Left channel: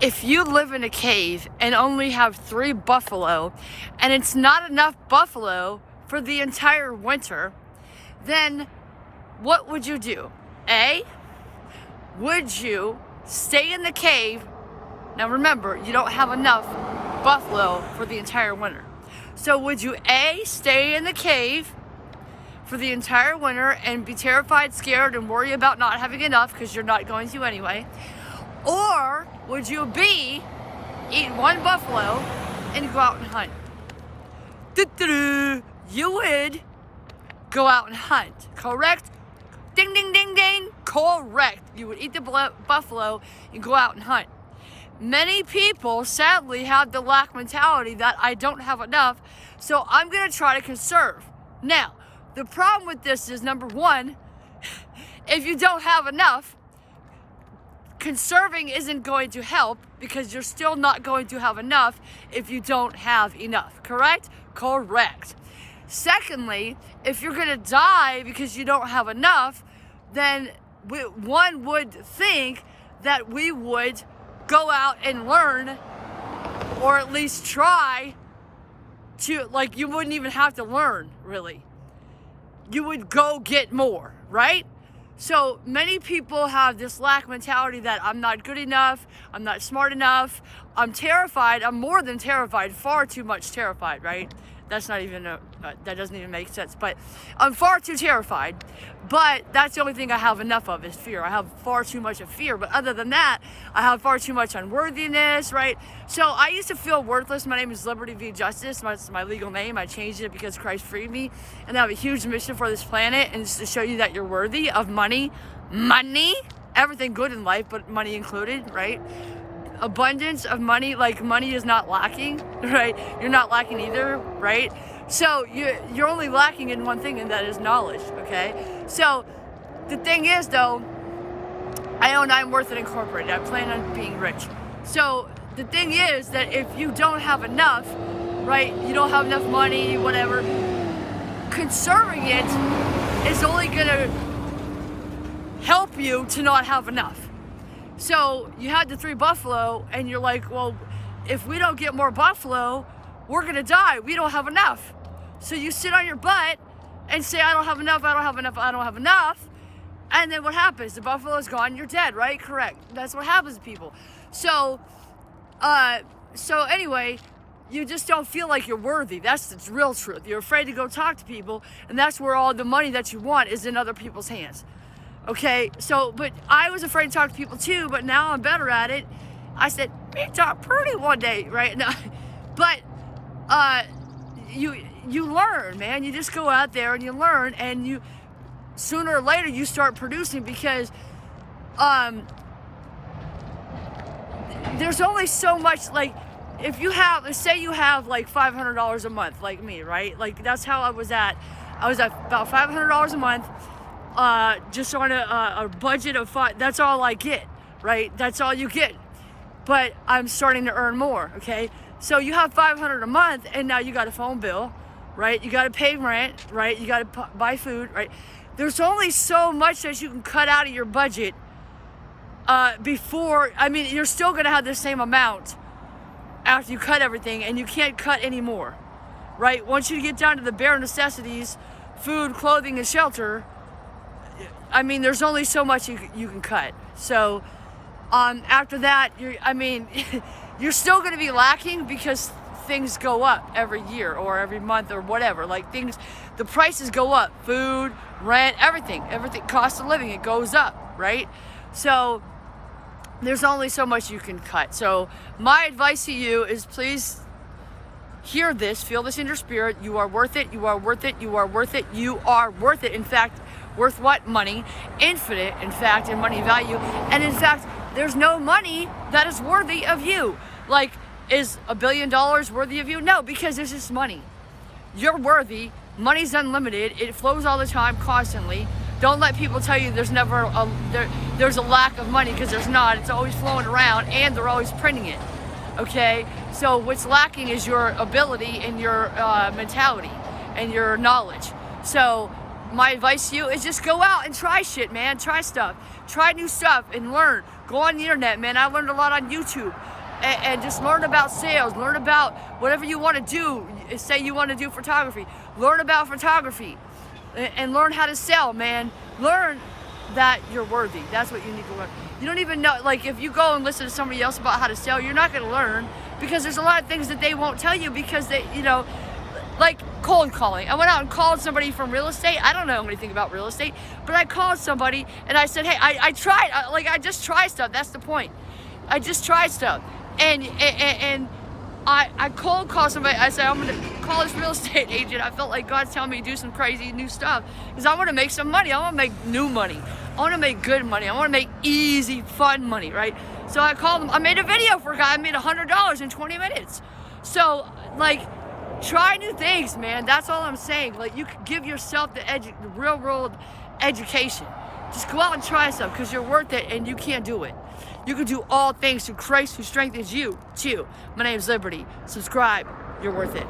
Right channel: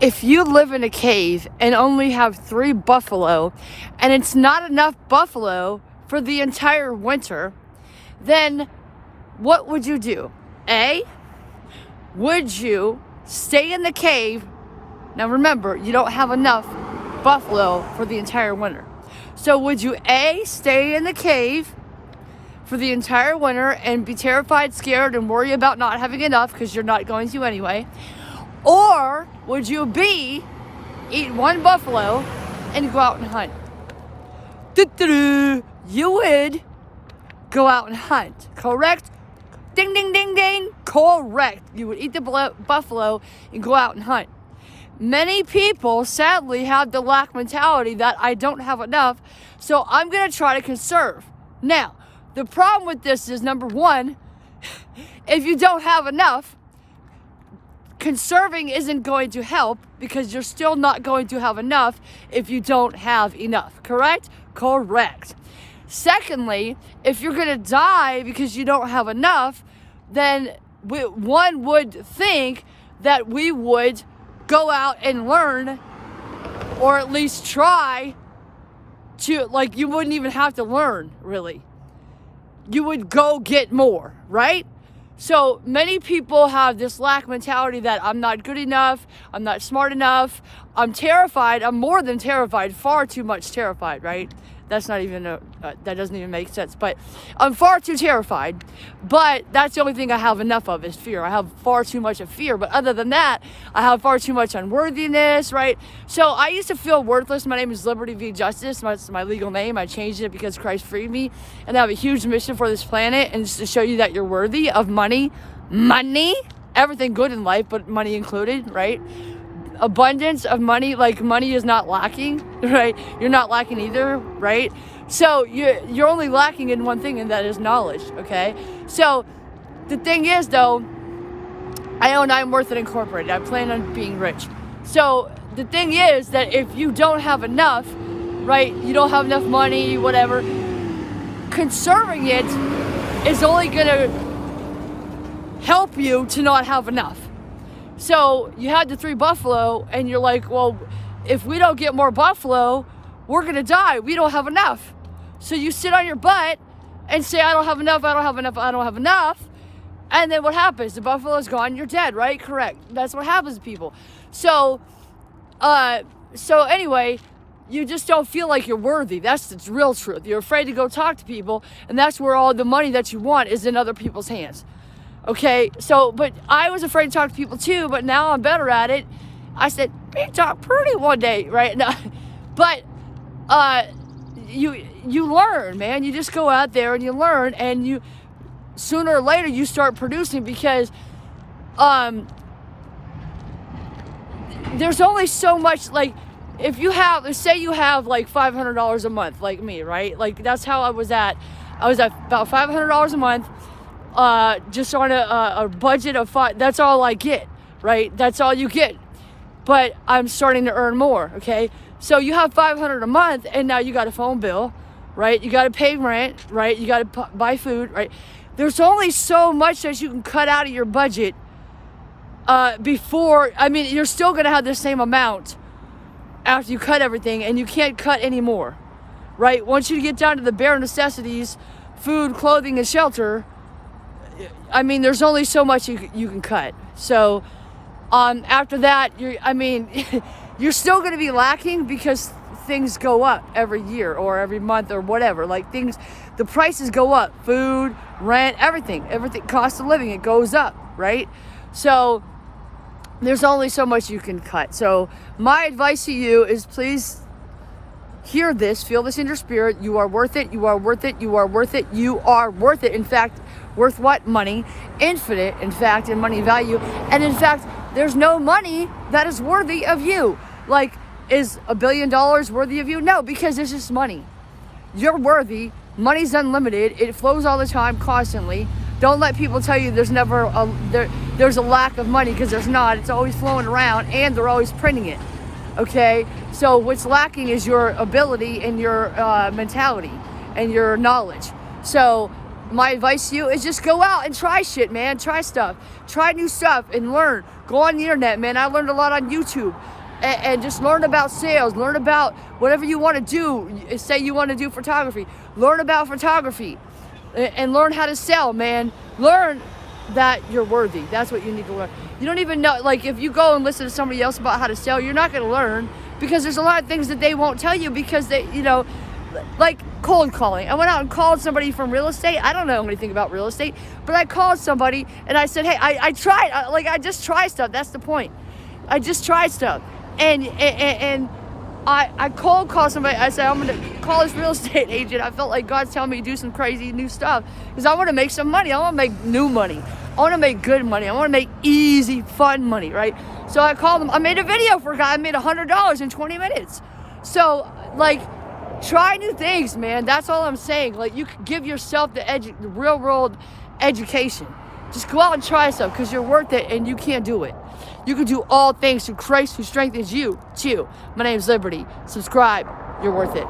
If you live in a cave and only have 3 buffalo, and it's not enough buffalo for the entire winter, then what would you do? A, would you stay in the cave? Now remember, you don't have enough buffalo for the entire winter. So would you A, stay in the cave for the entire winter and be terrified, scared, and worry about not having enough because you're not going to anyway? Or would you B, eat 1 buffalo and go out and hunt? You would go out and hunt, correct? Ding, ding, ding, ding, correct. You would eat the buffalo and go out and hunt. Many people, sadly, have the lack mentality that I don't have enough, so I'm going to try to conserve. Now, the problem with this is, number one, if you don't have enough, conserving isn't going to help because you're still not going to have enough if you don't have enough, correct? Correct. Secondly, if you're going to die because you don't have enough, then one would think that we would go out and learn, or at least try to, like, you wouldn't even have to learn, really. You would go get more, right? So many people have this lack mentality that I'm not good enough, I'm not smart enough, I'm terrified, I'm more than terrified, far too much terrified, right? That's not even that doesn't even make sense, but I'm far too terrified. But that's the only thing I have enough of is fear. I have far too much of fear, but other than that, I have far too much unworthiness, right? So I used to feel worthless. My name is Liberty v. Justice. That's my legal name. I changed it because Christ freed me, and I have a huge mission for this planet, and it's to show you that you're worthy of money, everything good in life, but money included, right? Abundance of money, like money is not lacking, right? You're not lacking either, right? So you're only lacking in one thing, and that is knowledge, okay? So the thing is, though, I own I'm Worth It Incorporated. I plan on being rich. So the thing is that if you don't have enough, right? You don't have enough money, whatever. Conserving it is only gonna help you to not have enough. So you had the 3 buffalo and you're like, well, if we don't get more buffalo, we're gonna die. We don't have enough. So you sit on your butt and say, I don't have enough, I don't have enough, I don't have enough. And then what happens? The buffalo's gone, you're dead, right? Correct. That's what happens to people. So anyway, you just don't feel like you're worthy. That's the real truth. You're afraid to go talk to people, and that's where all the money that you want is in other people's hands. Okay, so, but I was afraid to talk to people too, but now I'm better at it. I said, be talk pretty one day, right? Now, but you learn, man. You just go out there and you learn, and you sooner or later you start producing, because there's only so much, like, if you have, say you have like $500 a month, like me, right? Like, that's how I was at about $500 a month. Just on a budget of 5, that's all I get, right? That's all you get. But I'm starting to earn more, okay? So you have $500 a month, and now you got a phone bill, right? You got to pay rent, right? You got to buy food, right? There's only so much that you can cut out of your budget before, I mean, you're still going to have the same amount after you cut everything, and you can't cut anymore, right? Once you get down to the bare necessities, food, clothing, and shelter, I mean, there's only so much you can cut. So after that, you're still going to be lacking because things go up every year or every month or whatever. Like, the prices go up. Food, rent, everything, cost of living, it goes up, right? So there's only so much you can cut. So my advice to you is, please hear this, feel this in your spirit. You are worth it. You are worth it. You are worth it. You are worth it. In fact, worth what? Money. Infinite, in fact, in money value. And in fact, there's no money that is worthy of you. Like, is $1 billion worthy of you? No, because it's just money. You're worthy. Money's unlimited. It flows all the time, constantly. Don't let people tell you there's never there's a lack of money, because there's not. It's always flowing around, and they're always printing it. Okay? So what's lacking is your ability and your mentality and your knowledge. So my advice to you is just go out and try shit, man. Try stuff. Try new stuff and learn. Go on the internet, man. I learned a lot on YouTube. And just learn about sales. Learn about whatever you want to do. Say you want to do photography. Learn about photography. And learn how to sell, man. Learn that you're worthy. That's what you need to learn. You don't even know, like if you go and listen to somebody else about how to sell, you're not going to learn, because there's a lot of things that they won't tell you, because they, you know, like cold calling. I went out and called somebody from real estate. I don't know anything about real estate, but I called somebody and I said, hey, I tried, I just try stuff. That's the point. I just try stuff. And I cold call somebody. I said, I'm going to call this real estate agent. I felt like God's telling me to do some crazy new stuff, because I want to make some money. I want to make new money. I want to make good money. I want to make easy, fun money, right? So I called him. I made a video for a guy. I made $100 in 20 minutes. So, like, try new things, man. That's all I'm saying. Like, you can give yourself the real world education. Just go out and try stuff, because you're worth it, and you can't do it. You can do all things through Christ who strengthens you, too. My name is Liberty. Subscribe. You're worth it.